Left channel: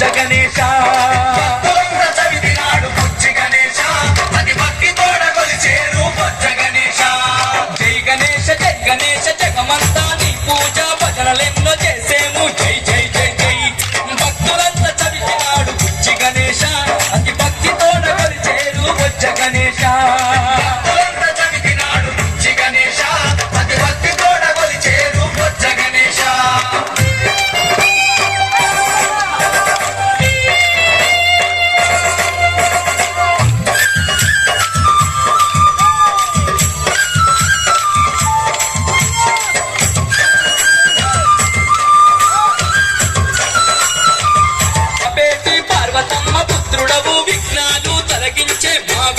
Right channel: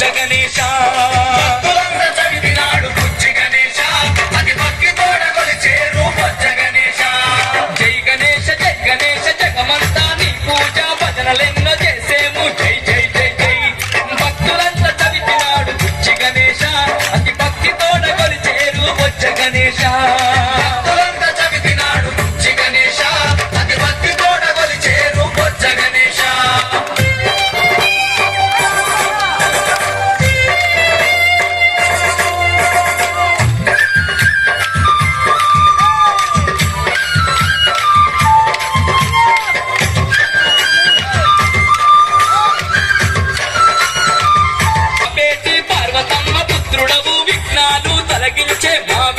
జగనేశ గణేశ. ಮಾಡ